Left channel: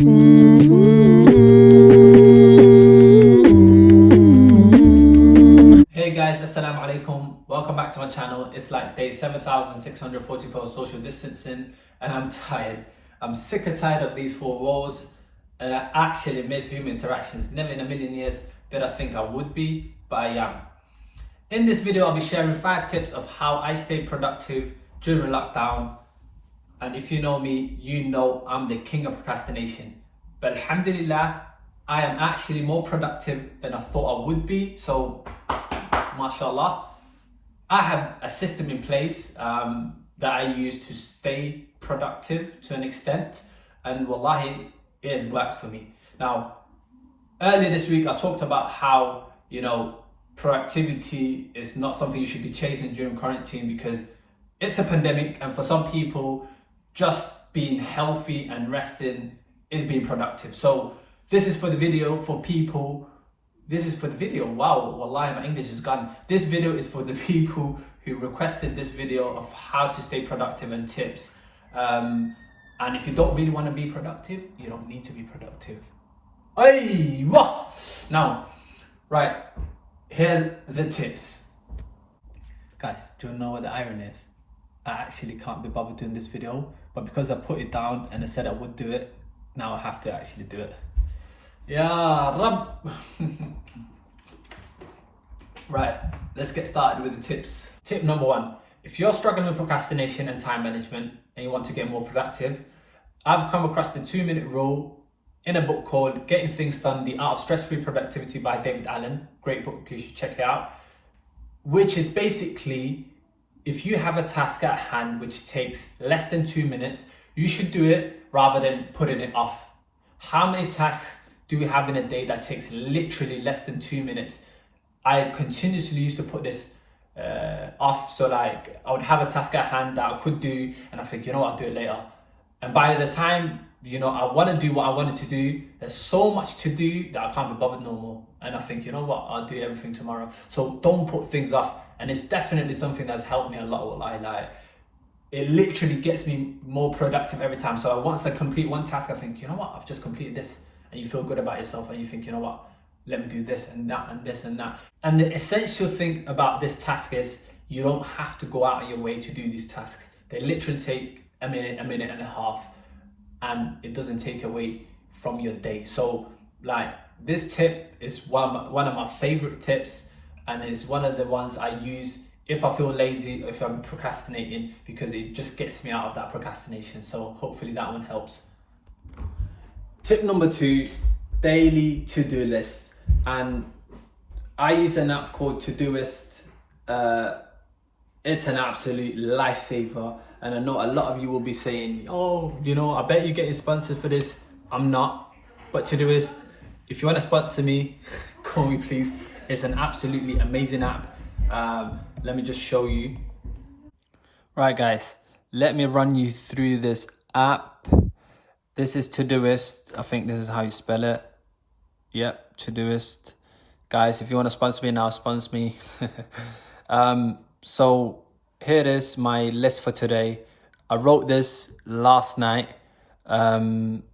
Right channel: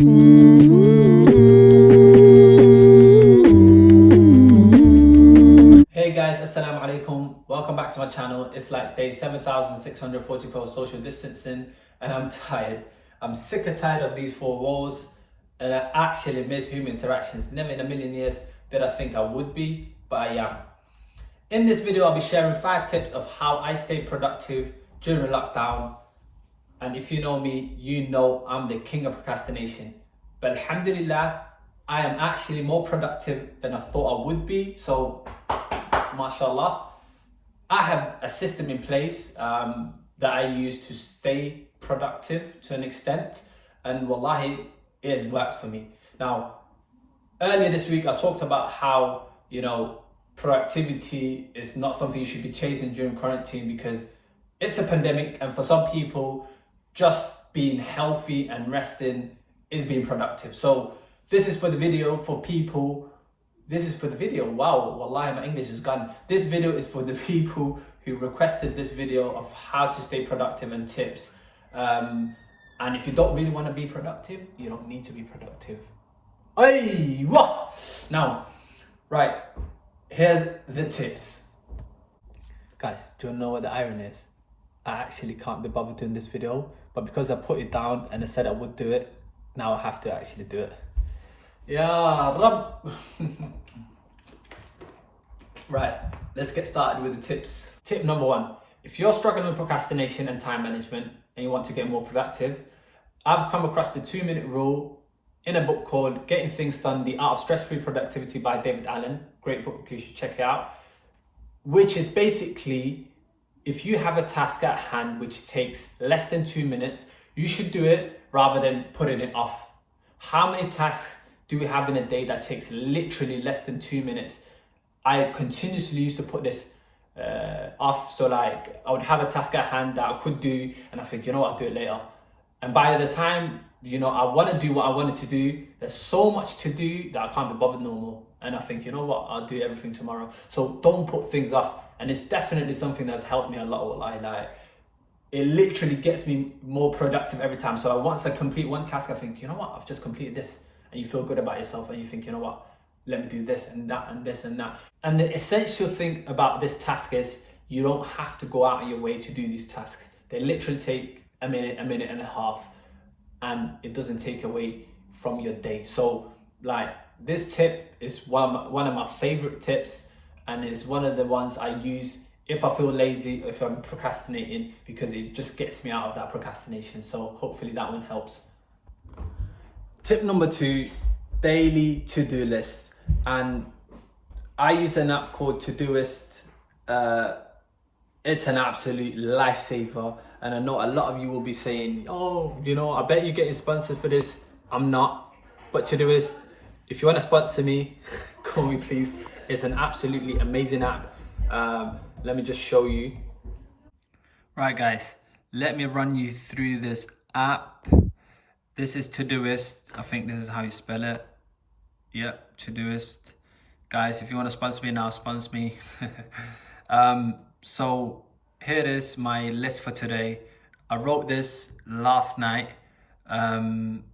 Hey guys, assalamu alaikum. Welcome back to my channel. It's like day 7,644 social distancing and I'm tired. I'm sick and tired of these four walls and I actually miss human interactions. Never in a million years did I think I would be, but I am. In this video, I'll be sharing 5 tips of how I stay productive during lockdown. And if you know me, you know I'm the king of procrastination. But alhamdulillah, I am actually more productive than I thought I would be. So, mashallah, I have a system in place that I use to stay productive to an extent. And wallahi, it has worked for me. Now, earlier this week, I talked about how, productivity is not something you should be chasing during quarantine because it's a pandemic. And for some people, just being healthy and resting is being productive. So this is for the video for people. This is for the video. Wow, wallahi, my English is gone. This video is for the people who requested this video of how to stay productive and tips. And if you don't really want to be productive, you don't need to be productive. Now, right, here's the tips. Guys, do you know what the irony is? I actually can't be bothered doing this video, but because I put it down and I said I would do it, now I have to actually do it. Ya Rab. Right, let's get started with the tips. Tip number 1, if you're struggling with procrastination and time management and you want to get more productive, I've come across the 2-minute rule in a book called Getting Things Done, The Art of Stress-Free Productivity by David Allen. Great book, you should check it out. Which is basically, if you have a task at hand which takes less than 2 minutes, you should do it rather than putting it off. How many tasks do we have in a day that takes literally less than 2 minutes? I continuously used to put this off. So like I would have a task at hand that I could do and I think, I'll do it later. And by the time, I want to do what I wanted to do, there's so much to do that I can't be bothered no more. And I think, I'll do everything tomorrow. So don't put things off. And it's definitely something that's helped me a lot. Like, it literally gets me more productive every time. So once I complete one task, I think, I've just completed this. And you feel good about yourself and you think, let me do this and that and this and that. And the essential thing about this task is you don't have to go out of your way to do these tasks. They literally take a minute and a half, and it doesn't take away from your day. So like this tip is one of my favorite tips, and it's one of the ones I use if I feel lazy, if I'm procrastinating, because it just gets me out of that procrastination. So hopefully that one helps. Tip number 2, daily to-do list. And I use an app called Todoist. It's an absolute lifesaver. And I know a lot of you will be saying, I bet you're getting sponsored for this. I'm not. But Todoist, if you want to sponsor me, call me please. It's an absolutely amazing app. Let me just show you. Right guys, let me run you through this app. This is Todoist. I think this is how you spell it. Yep, Todoist. Guys, if you want to sponsor me now, sponsor me. So here it is, my list for today. I wrote this last night, and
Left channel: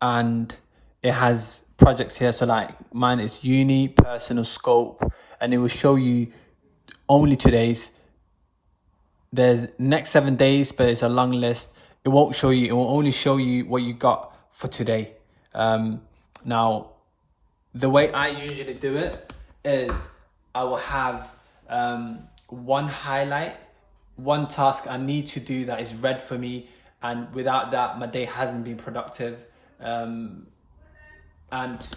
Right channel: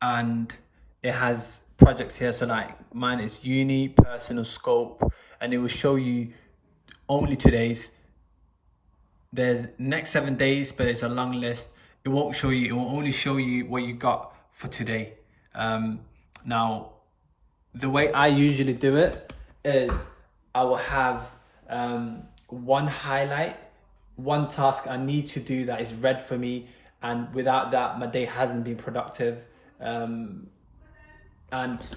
it has projects here. So like mine is uni, personal, scope, and it will show you only today's. There's next 7 days, but it's a long list. It won't show you, it will only show you what you got for today. Now, the way I usually do it is I will have one highlight, one task I need to do that is red for me, and without that, my day hasn't been productive. And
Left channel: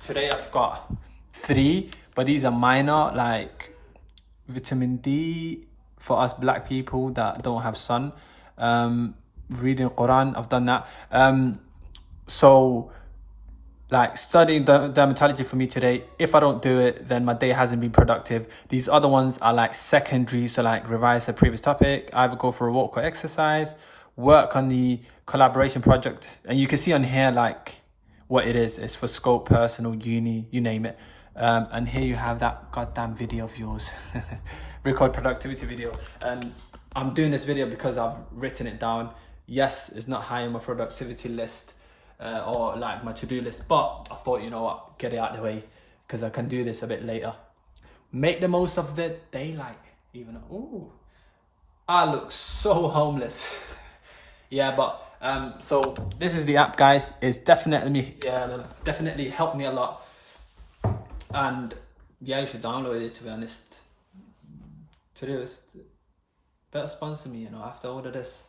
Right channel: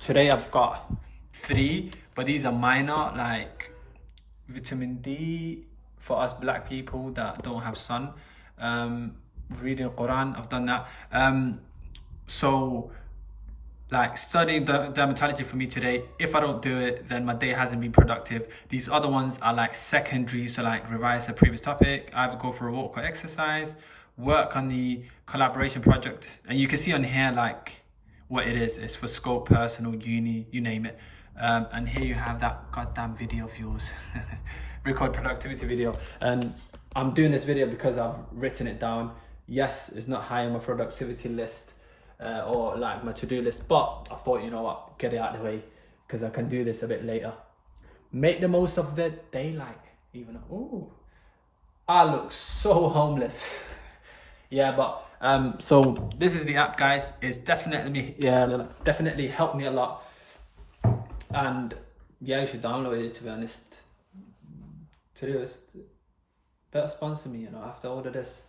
today I've got 3, but these are minor, like vitamin D for us black people that don't have sun. Reading Quran, I've done that. So like studying dermatology for me today, if I don't do it, then my day hasn't been productive. These other ones are like secondary, so like revise a previous topic, either go for a walk or exercise, work on the collaboration project. And you can see on here like what it is. It's for scope, personal, uni, you name it. And here you have that goddamn video of yours. Record productivity video. And I'm doing this video because I've written it down. Yes, it's not high on my productivity list. or like my to-do list. But I thought, you know what, get it out of the way because I can do this a bit later. Make the most of the daylight. Even ooh, I look so homeless. Yeah, but so this is the app, guys. It's definitely helped me a lot. And yeah, you should download it, to be honest. To do this, better sponsor me, you know, after all of this.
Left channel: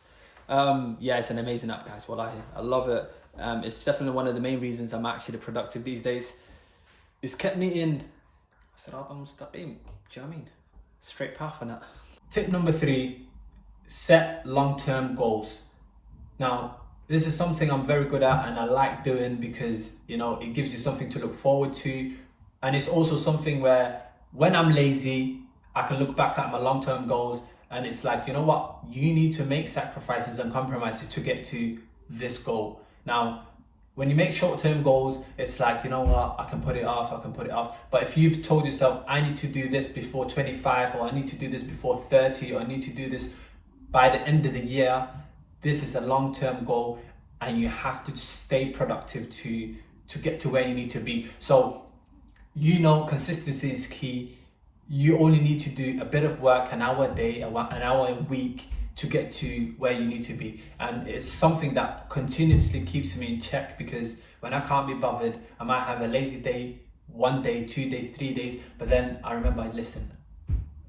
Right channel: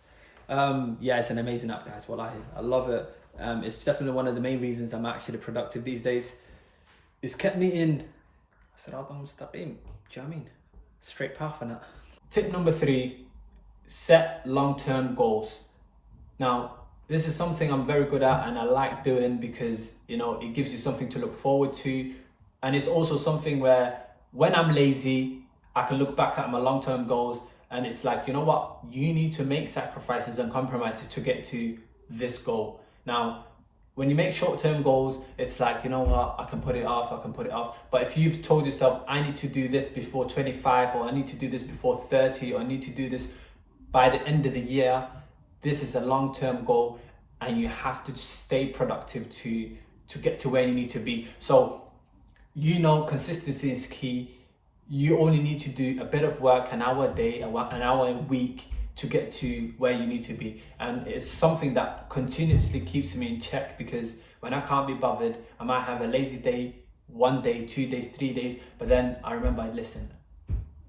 Yeah, it's an amazing app, guys. Wallahi, I love it. It's definitely one of the main reasons I'm actually productive these days. It's kept me in, I said, I'm stop aim. Do you know what I mean? Straight path on that. Tip number 3, set long-term goals. Now, this is something I'm very good at and I like doing because, you know, it gives you something to look forward to. And it's also something where when I'm lazy, I can look back at my long-term goals and it's like, you know what, you need to make sacrifices and compromises to get to this goal. Now, when you make short-term goals, it's like, you know what, I can put it off. But if you've told yourself, I need to do this before 25, or I need to do this before 30, or I need to do this by the end of the year, this is a long-term goal and you have to stay productive to get to where you need to be. So, you know, consistency is key. You only need to do a bit of work, an hour a day, an hour a week to get to where you need to be. And it's something that continuously keeps me in check because when I can't be bothered, I might have a lazy day, 1 day, 2 days, 3 days, but then I remember, listen,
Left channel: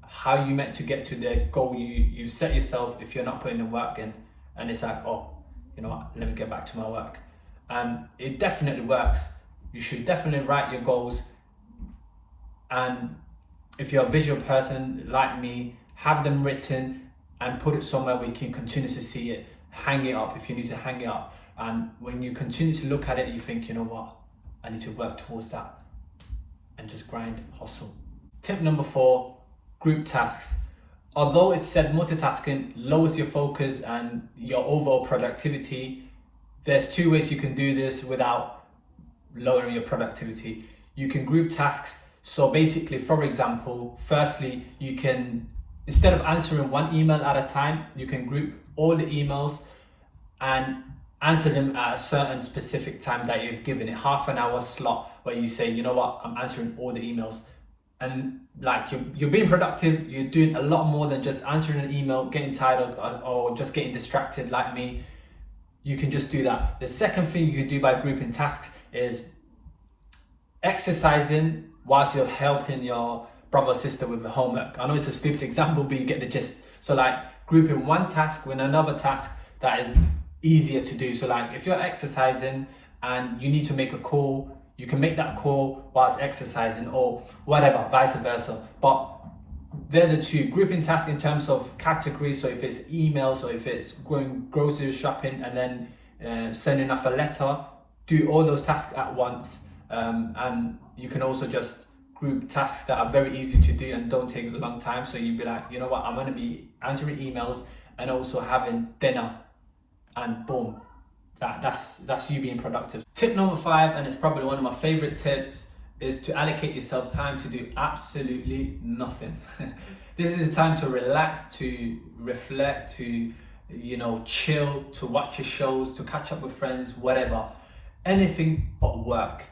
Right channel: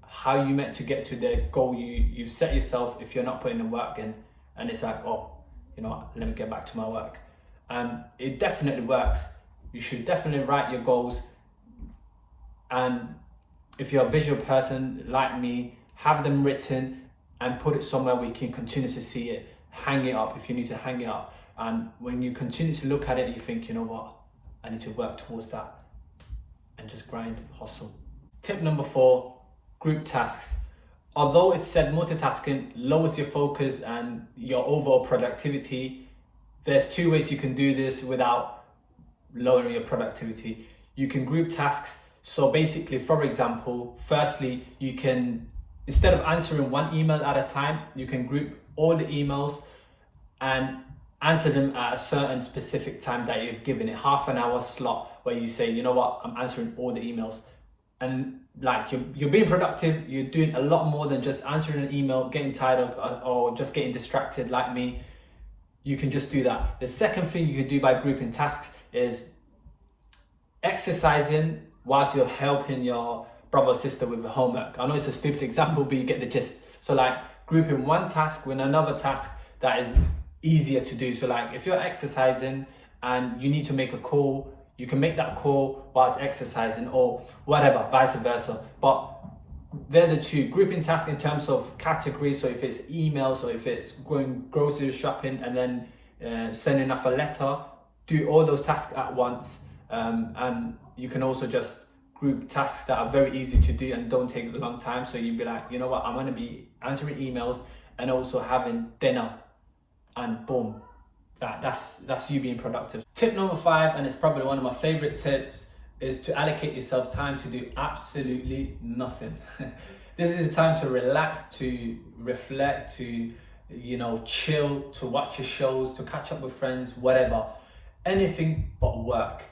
how you meant to get to the goal you set yourself if you're not putting the work in. And it's like, oh, you know what, let me get back to my work. And it definitely works. You should definitely write your goals. And if you're a visual person like me, have them written and put it somewhere where you can continue to see it. Hang it up if you need to hang it up. And when you continue to look at it, you think, you know what, I need to work towards that and just grind, hustle. Tip number 4, group tasks. Although it's said multitasking lowers your focus and your overall productivity, there's 2 ways you can do this without lowering your productivity. You can group tasks. So basically, for example, firstly, you can, instead of answering one email at a time, you can group all the emails and answer them at a certain specific time that you've given it, half an hour slot where you say, you know what, I'm answering all the emails. And like you're being productive, you're doing a lot more than just answering an email, getting tired or just getting distracted like me. You can just do that. The second thing you can do by grouping tasks is exercising whilst you're helping your brother or sister with the homework. I know it's a stupid example, but you get the gist. So like grouping one task with another task that is easier to do. So like if you're exercising and you need to make a call, you can make that call whilst exercising or whatever, vice versa. But they're the 2, grouping tasks in terms of categories. So if it's emails or if it's going grocery shopping and then sending off a letter, do all those tasks at once. And you can also just group tasks that are very easy to do and don't take a long time. So you'd be like, you know what, I'm going to be answering emails and also having dinner, and boom, that's you being productive. Tip number 5, and it's probably one of my favorite tips, is to allocate yourself time to do absolutely nothing. This is a time to relax, to reflect, to, you know, chill, to watch your shows, to catch up with friends, whatever. Anything but work.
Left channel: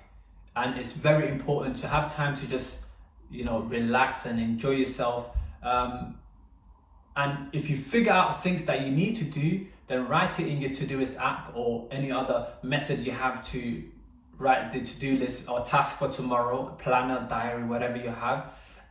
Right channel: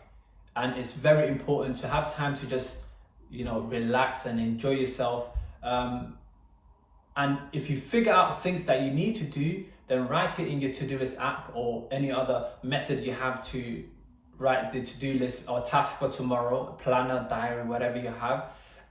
And it's very important to have time to just, you know, relax and enjoy yourself. And if you figure out things that you need to do, then write it in your Todoist app or any other method you have to write the to-do list or task for tomorrow, planner, diary, whatever you have,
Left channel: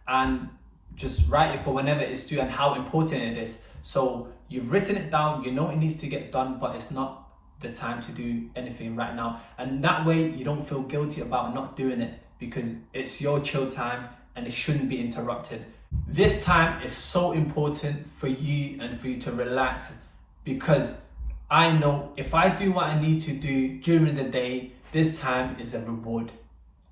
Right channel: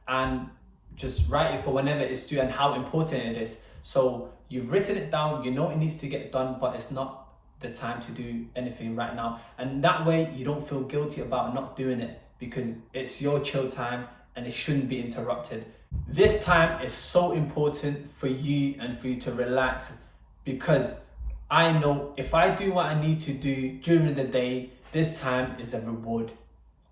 and just write it for whenever it's due and how important it is. So you've written it down, you know it needs to get done, but it's not the time to do anything right now. And that way you don't feel guilty about not doing it because it's your chill time and it shouldn't be interrupted. This time is so important for you and for you to relax, because I know if I do what I need to do during the day, this time is a reward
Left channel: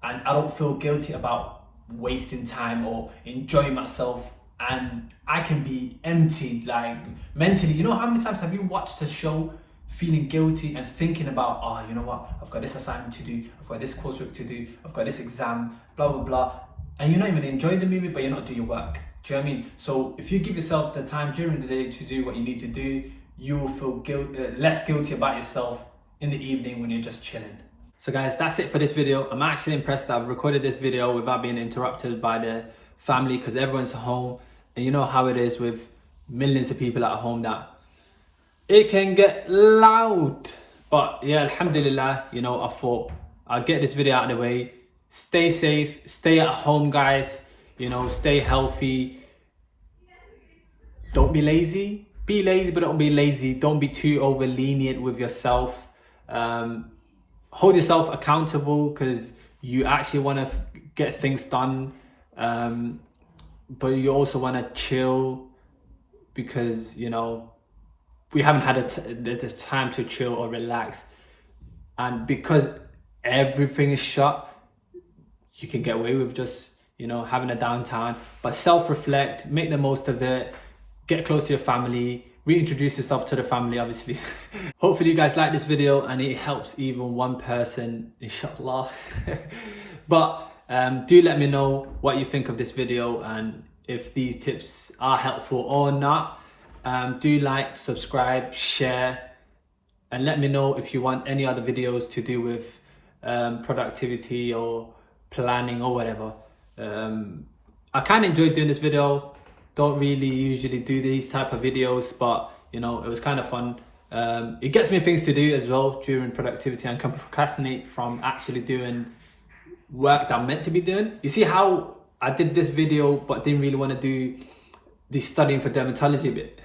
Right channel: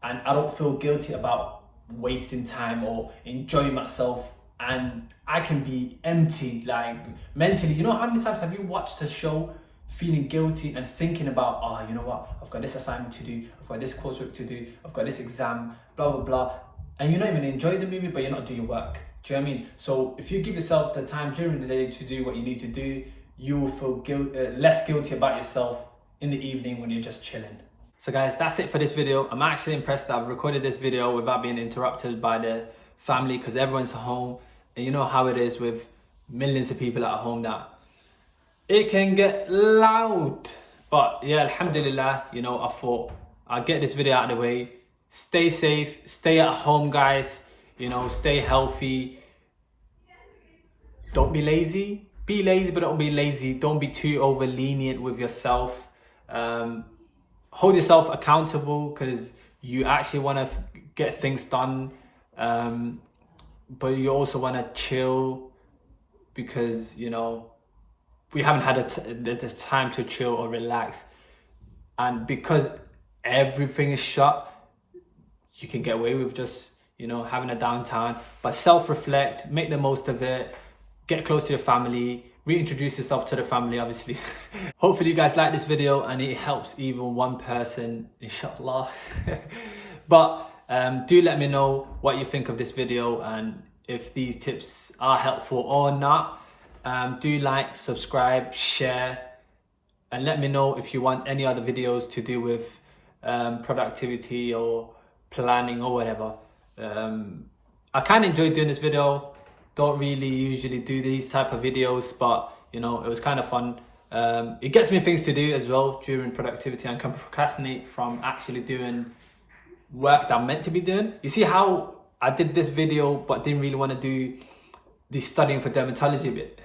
and I don't feel guilty about wasting time or enjoying myself. And I can be empty, like mentally. You know how many times have you watched a show feeling guilty and thinking about, oh, you know what, I've got this assignment to do, I've got this coursework to do, I've got this exam, blah, blah, blah. And you're not even enjoying the movie, but you're not doing your work. Do you know what I mean? So if you give yourself the time during the day to do what you need to do, you will feel less guilty about yourself in the evening when you're just chilling. So guys, that's it for this video. I'm actually impressed that I've recorded this video without being interrupted by the family, because everyone's home. And you know how it is with millions of people at home, that it can get loud. But yeah, alhamdulillah, you know, I thought I'll get this video out of the way. Stay safe, stay at home, guys. You know, stay healthy. Don't be lazy. Be lazy, but don't be lazy. Don't be too over lenient with yourself. Hold yourself accountable, because you actually want to get things done. But you also want to chill, because, you know, we haven't had this time to chill or relax. And because everything is shut, you can get away with just, you know, having a downtime. But self-reflect, make the most of it, get close to your family, reintroduce yourself to the family, obviously. Hopefully you guys like this video and it helps even one person, inshallah. But do let me know what you think of this video and if these tips are helpful or not. Do like, subscribe, share, and let me know if you want any other videos to do with productivity or planning or whatever. I kind of enjoyed doing this video. Don't really usually do these type of videos, but you know, it was kind of fun. It gets me things to do as well during productivity, and can procrastinate from actually doing work that I'm meant to be doing. You see how I did this video but didn't really want to do the studying for dermatology bit?